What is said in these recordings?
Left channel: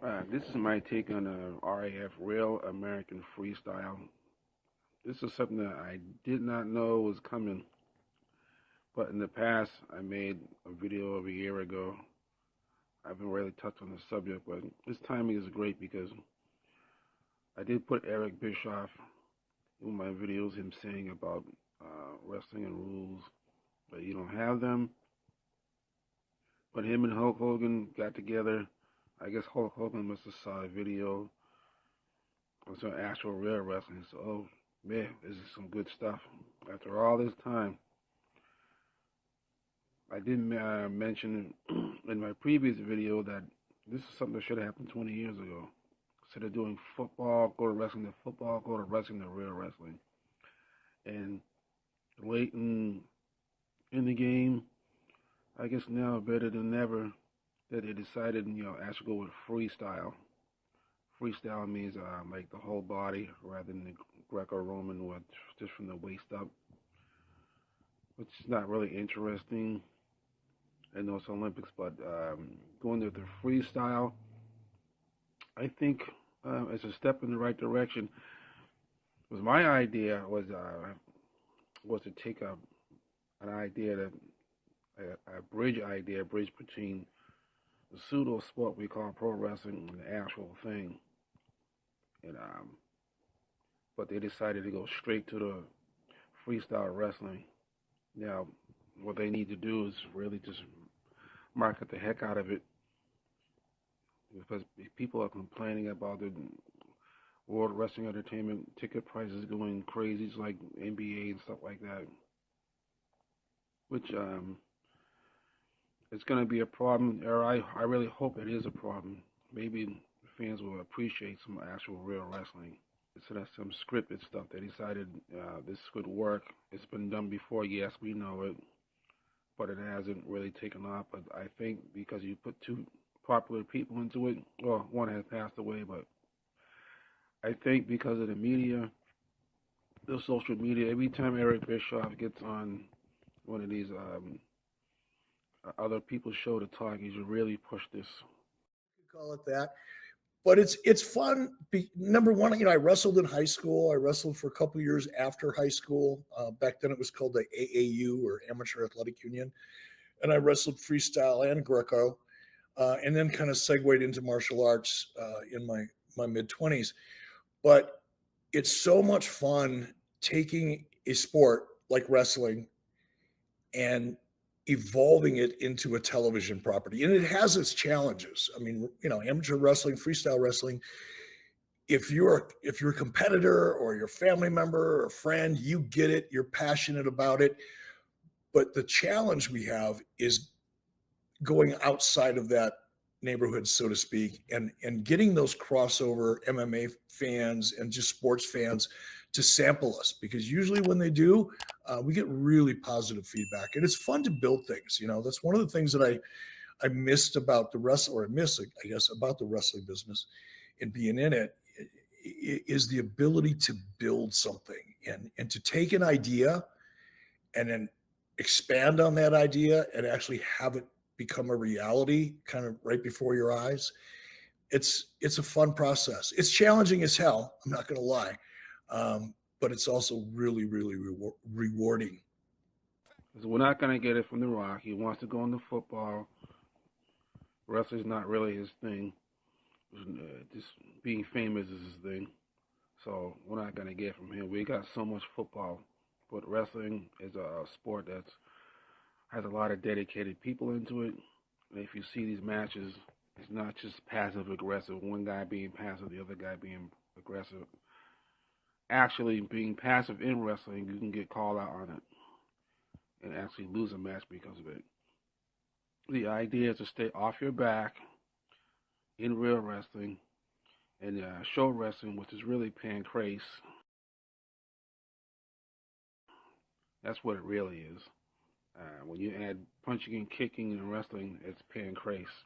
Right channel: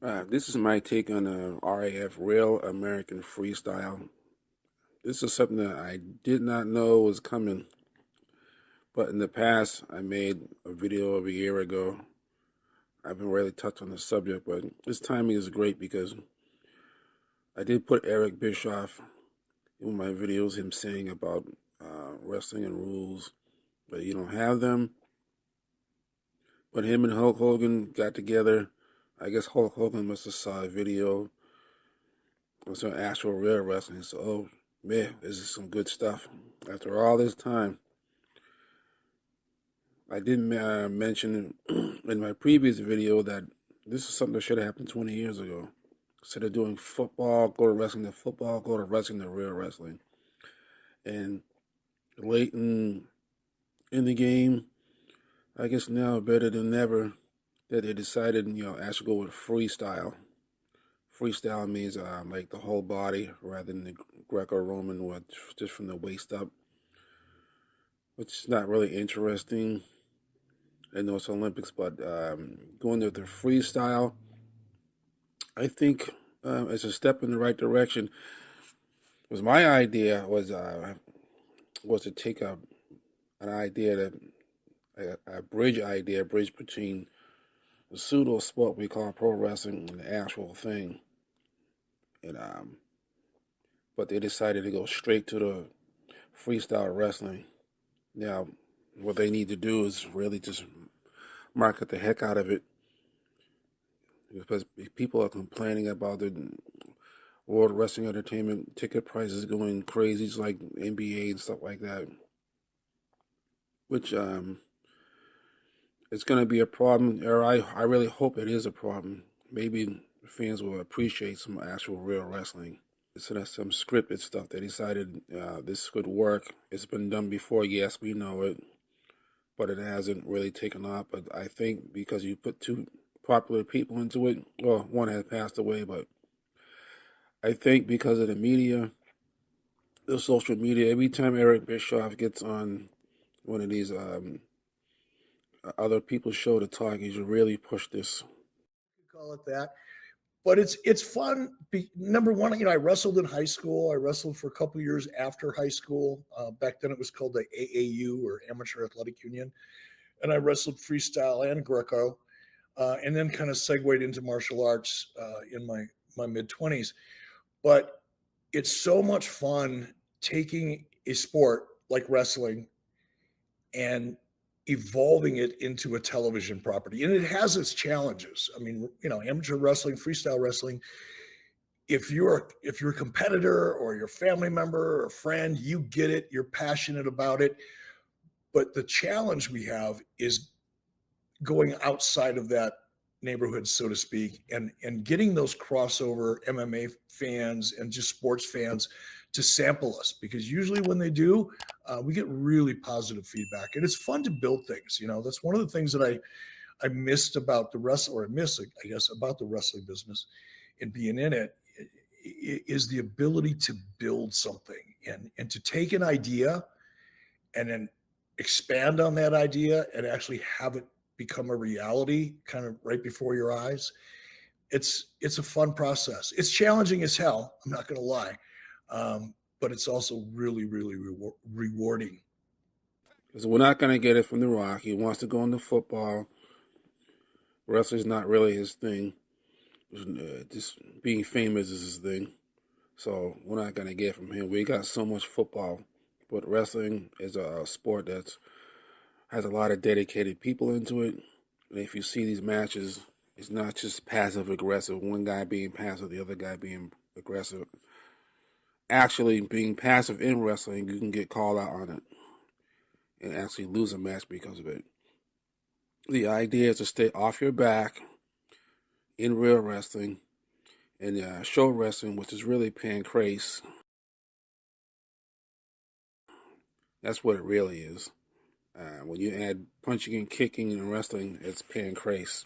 This is my take on the RAF-Real American Freestyle. This is something that I did not know was coming, but in the past, I made a video over a year ago. I haven't really touched on the subject, but this timing is great because I did put Eric Bischoff in my videos, him saying about wrestling and rules, but you don't have them. But him and Hulk Hogan got together. I guess Hulk Hogan must have saw a video on some actual real wrestling. So, oh man, this is some good stuff. After all this time, I didn't mention in my previous video that this is something that should have happened 20 years ago. Instead of doing football, go to wrestling to football, go to wrestling to real wrestling. And late in the game, I guess now better than ever that they decided, actually go with freestyle. Freestyle means like the whole body rather than the Greco-Roman, what just from the waist up, which is not really interesting. I know it's Olympics, but going to the freestyle, I think it's a step in the right direction. Was my idea was to take an idea that a bridge between the pseudo sport we call pro wrestling and the actual thing, and but they decided to go straight to the freestyle wrestling. Now, what they need to do is really just market the heck out of it because people are complaining about the World Wrestling Entertainment ticket prices going crazy, just like NBA and stuff like that. Which it's going to be a problem, or I really hope it is a problem. Maybe fans will appreciate some actual real wrestling. So that's some scripted stuff. They decided this could work. It's been done before, yes, we know it, but it hasn't really taken off. But I think because you put two popular people into it, well, one has passed away, but I think because of the media, the social media, every time Eric Bischoff gets on one of these other people's show to talk, he should really push this. Call it that. But it's fun. Number one, I wrestled in high school. I wrestled for a couple years after high school. Back then, it was called the AAU, or Amateur Athletic Union, and I wrestled freestyle and Greco, and then kind of segued into martial arts in my mid-20s. But it's so much fun taking a sport like wrestling and evolving it into a television property. And it has its challenges. I mean, amateur wrestling, freestyle wrestling, if you're a competitor or your family member or friend, you get it, you're passionate about it. But the challenge we have is going outside of that neighborhood, so to speak, and getting those crossover MMA fans and just sports fans to sample us, because usually when they do, we get really positive feedback, and it's fun to build things. That's one of the things that I missed about the wrestling, or I miss, I guess, about the wrestling business and being in it, is the ability to build something and to take an idea and then expand on that idea and actually have it become a reality kind of right before your eyes. It's a fun process. It's challenging as hell, I'm not going to lie, but it's also really really rewarding. Because we're not going to get it from The Rock. He wants to go into football. Wrestling's not really his thing. Just being famous is his thing. So we're not going to get from him. We got so much football. But wrestling is a sport that has a lot of dedicated people into it. And if you see these matches, it's not just passive aggressive. One guy being passive, the other guy being aggressive. Actually, being passive in wrestling, you can get called out on it and actually lose a match because of it. The idea is to stay off your back in real wrestling and show wrestling, which is really pancrase. That's what it really is. When you add punching and kicking in wrestling, it's pancrase.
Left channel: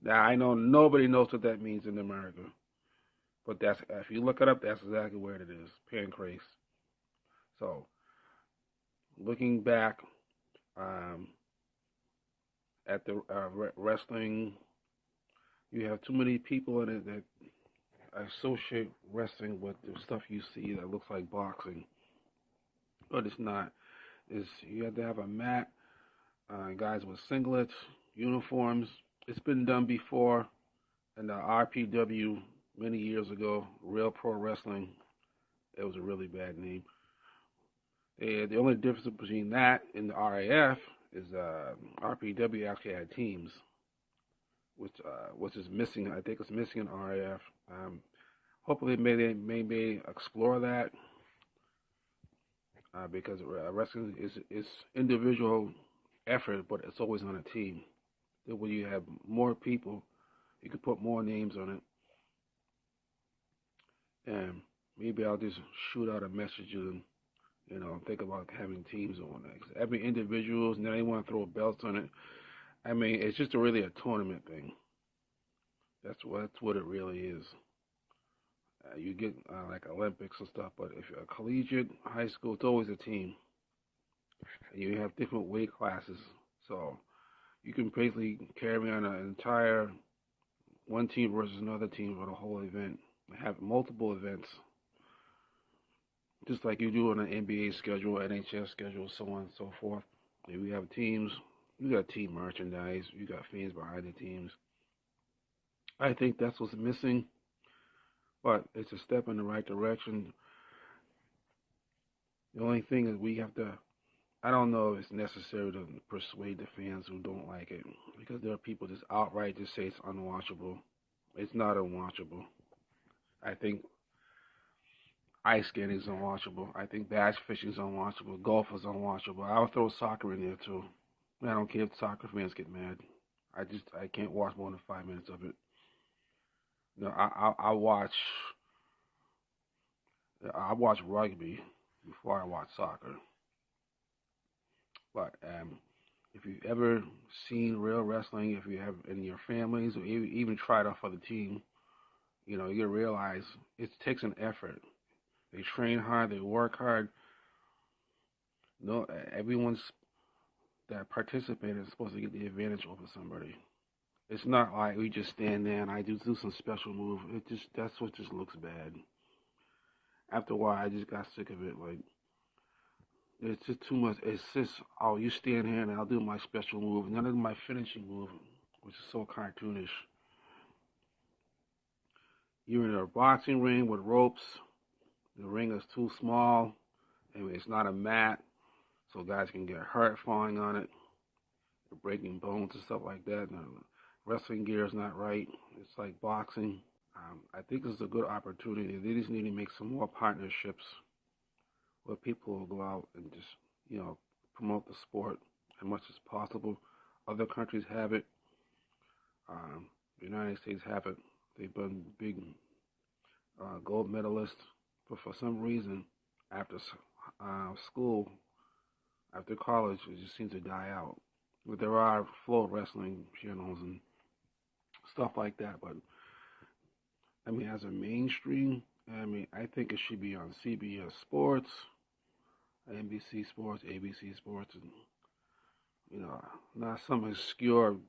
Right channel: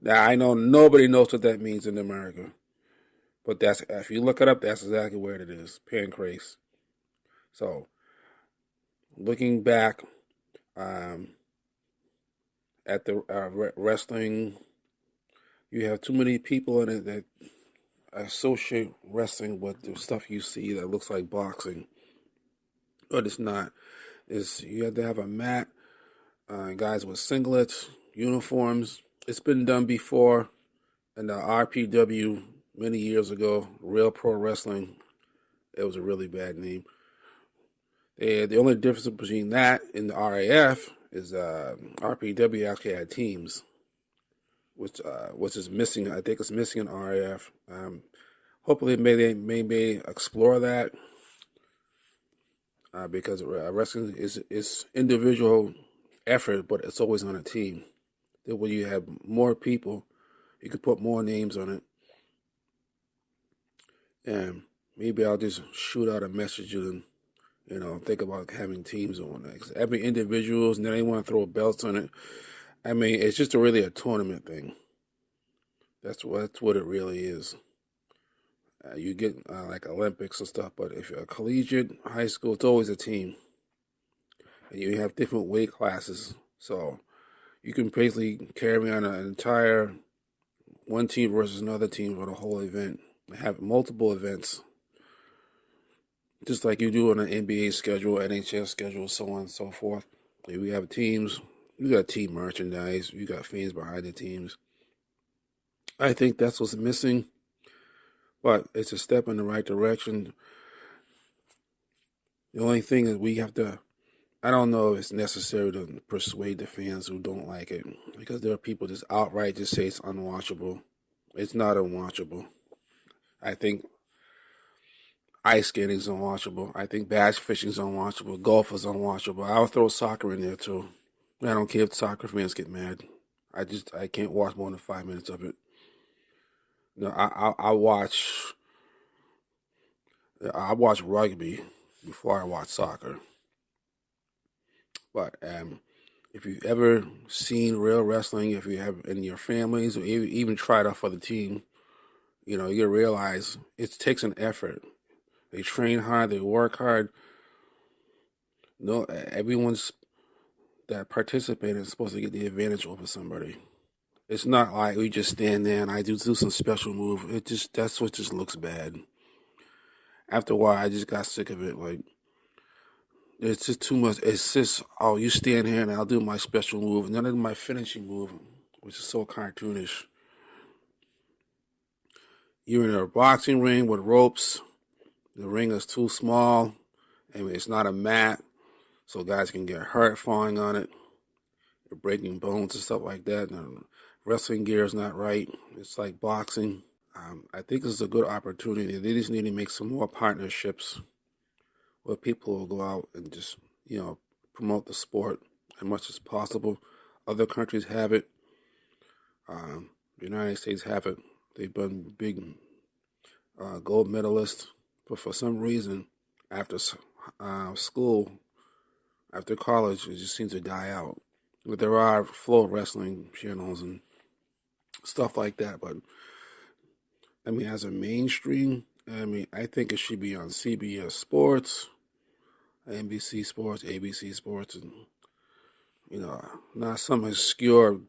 Now I know nobody knows what that means in America, but that's if you look it up, that's exactly where it is, pancrase. So, looking back um, at the wrestling You have too many people in it that associate wrestling with the stuff you see that looks like boxing, but it's not. Is you have to have a mat, guys with singlets, uniforms. It's been done before in the RPW many years ago, Real Pro Wrestling. It was a really bad name. The only difference between that and the RAF is RPW actually had teams, which is missing. I think it's missing in RAF. Hopefully, they may explore that because wrestling is individual effort, but it's always on a team. That when you have more people, you can put more names on it, and maybe I'll just shoot out a message and think about having teams on that. 'Cause every individuals, and then they want to throw belts on it. I mean, it's just really a tournament thing. That's what it really is. You get like Olympics and stuff, but if you're a collegiate, high school, it's always a team, and you have different weight classes, so you can basically carry on an entire one team versus another team for the whole event. Have multiple events, just like you do on an NBA schedule, NHL schedule, so on and so forth. We have teams. You got team merchandise. You got fans behind the teams. I think that's what's missing, but it's a step in the right direction. The only thing is we have to. I don't know if it's necessary to persuade the fans who don't like it, because there are people just outright just say it's unwatchable. It's not unwatchable. I think ice skating is unwatchable. I think bass fishing is unwatchable. Golf is unwatchable. I'll throw soccer in there too. I don't care if soccer fans get mad. I can't watch more than 5 minutes of it. I watch rugby before I watch soccer. But if you've ever seen real wrestling, if you have in your families or even tried out for the team, you realize it takes an effort. They train hard, they work hard. No, everyone's that participating is supposed to get the advantage over somebody. It's not like we just stand there and I do some special move. That's what just looks bad. After a while, I just got sick of it. Like it's just too much. It's just you stand here and I'll do my special move, and then I do my finishing move, which is so cartoonish. You're in a boxing ring with ropes. The ring is too small. I mean, it's not a mat, so guys can get hurt falling on it. They're breaking bones and stuff like that. And wrestling gear is not right. It's like boxing. I think this is a good opportunity. They just need to make some more partnerships where people will go out and just, promote the sport as much as possible. Other countries have it. The United States have it. They've been big gold medalists, but for some reason, after school, after college, it just seems to die out. But there are flow wrestling channels and stuff like that. But I mean, as a mainstream, I think it should be on CBS Sports, NBC Sports, ABC Sports, and not some obscure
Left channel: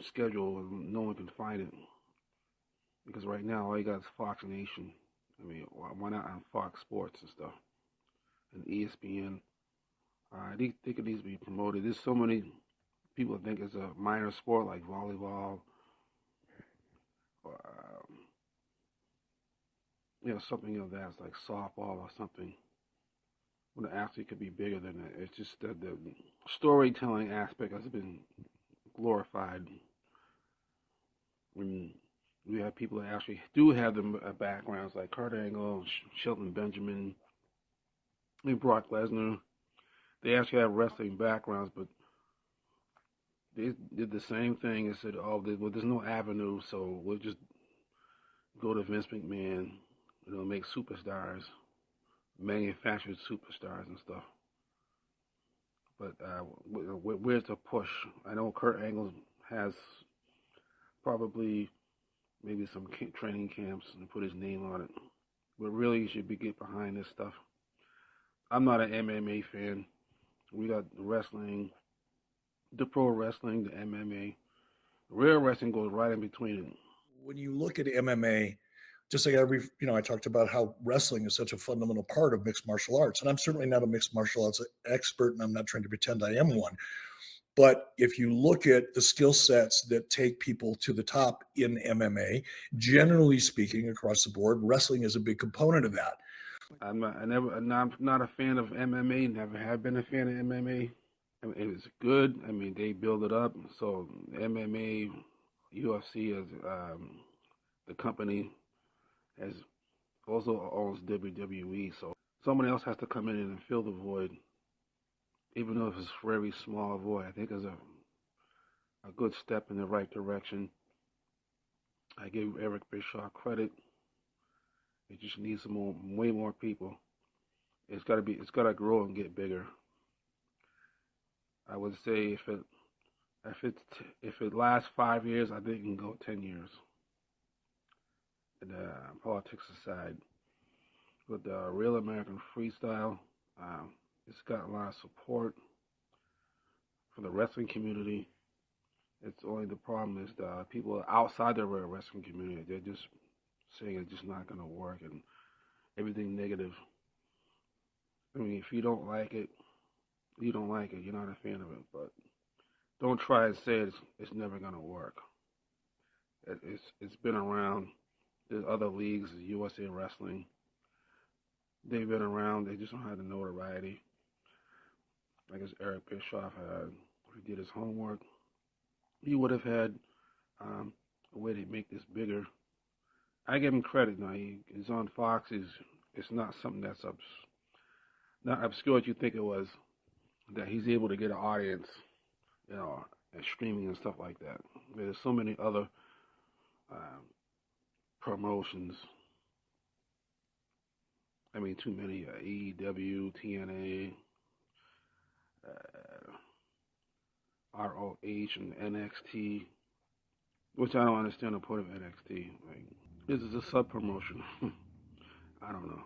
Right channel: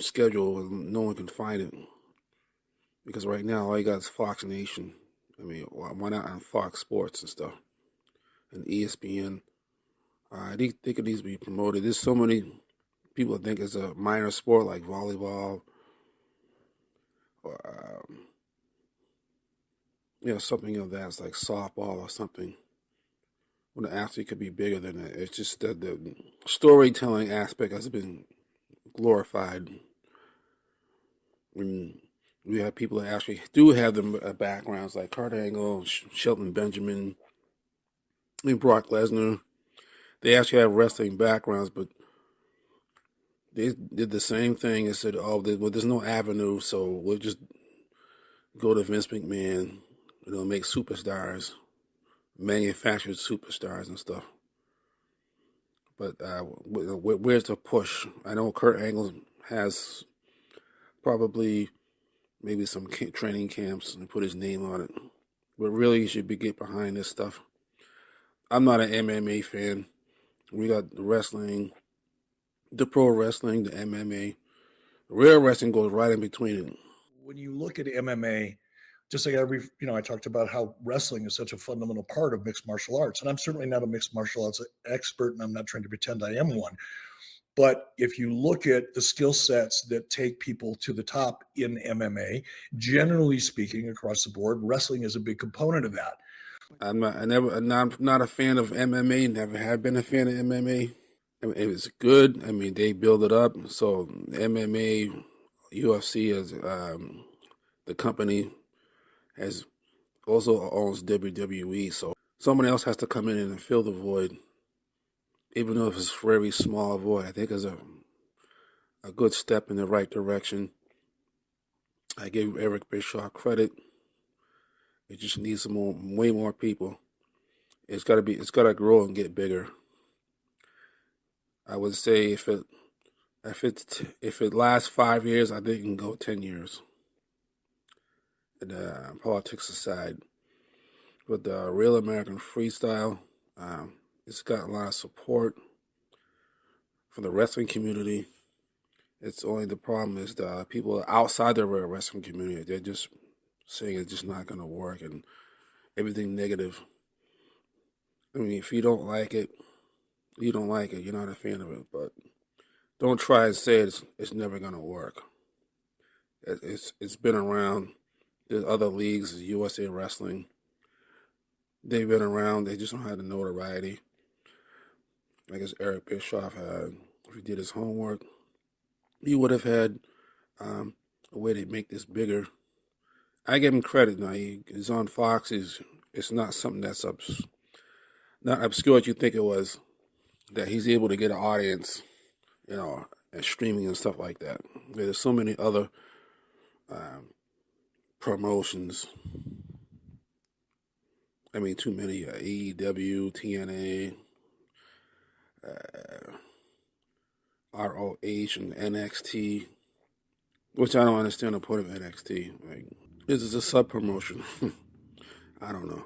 schedule where no one can find it. Because right now, all you got is Fox Nation. I mean, why not on Fox Sports and stuff, and ESPN? I think it needs to be promoted. There's so many people think it's a minor sport like volleyball or something of that's like softball or something. When the athlete could be bigger than that. It's just that the storytelling aspect has been glorified. When we have people that actually do have the backgrounds like Kurt Angle, Shelton Benjamin, and Brock Lesnar. They actually have wrestling backgrounds, but they did the same thing and said, "Oh, there's no avenue, so we'll just go to Vince McMahon, make superstars, manufactured superstars and stuff." But where's the push? I know Kurt Angle has probably maybe some training camps and put his name on it, but really you should get behind this stuff. I'm not an MMA fan. We got the wrestling, the pro wrestling, the MMA. Real wrestling goes right in between it. when you look at MMA, just like every, I talked about how wrestling is such a fundamental part of mixed martial arts. And I'm certainly not a mixed martial arts expert, and I'm not trying to pretend I am one. But if you look at the skill sets that take people to the top in MMA, generally speaking, across the board, wrestling is a big component of that. I'm not a fan of MMA. Never have been a fan of MMA. I mean, it's good. I mean, they build it up. So MMA, UFC as the company has also owns WWE. So someone else has to come in and fill the void, even though if it's a very small void. I think it's a good step in the right direction. I give Eric Bischoff credit. It just needs way more people. It's gotta grow and get bigger. I would say if it lasts 5 years, I think it can go 10 years. And politics aside, with the Real American Freestyle, it's got a lot of support from the wrestling community. It's only the problem is the people outside the wrestling community. They're just saying it's just not going to work and everything negative. I mean, if you don't like it, you don't like it. You're not a fan of it. But don't try and say it's never going to work. It's been around. There's other leagues, USA Wrestling. They've been around. They just don't have the notoriety. I guess Eric Bischoff had, if he did his homework, he would have had a way to make this bigger. I give him credit now. He's on Fox. It's not something that's not obscure as you think it was. That he's able to get an audience, and streaming and stuff like that. There's so many other promotions. I mean, too many. AEW, TNA, ROH, and NXT. Which I don't understand the point of NXT. Like, this is a sub promotion. I don't know.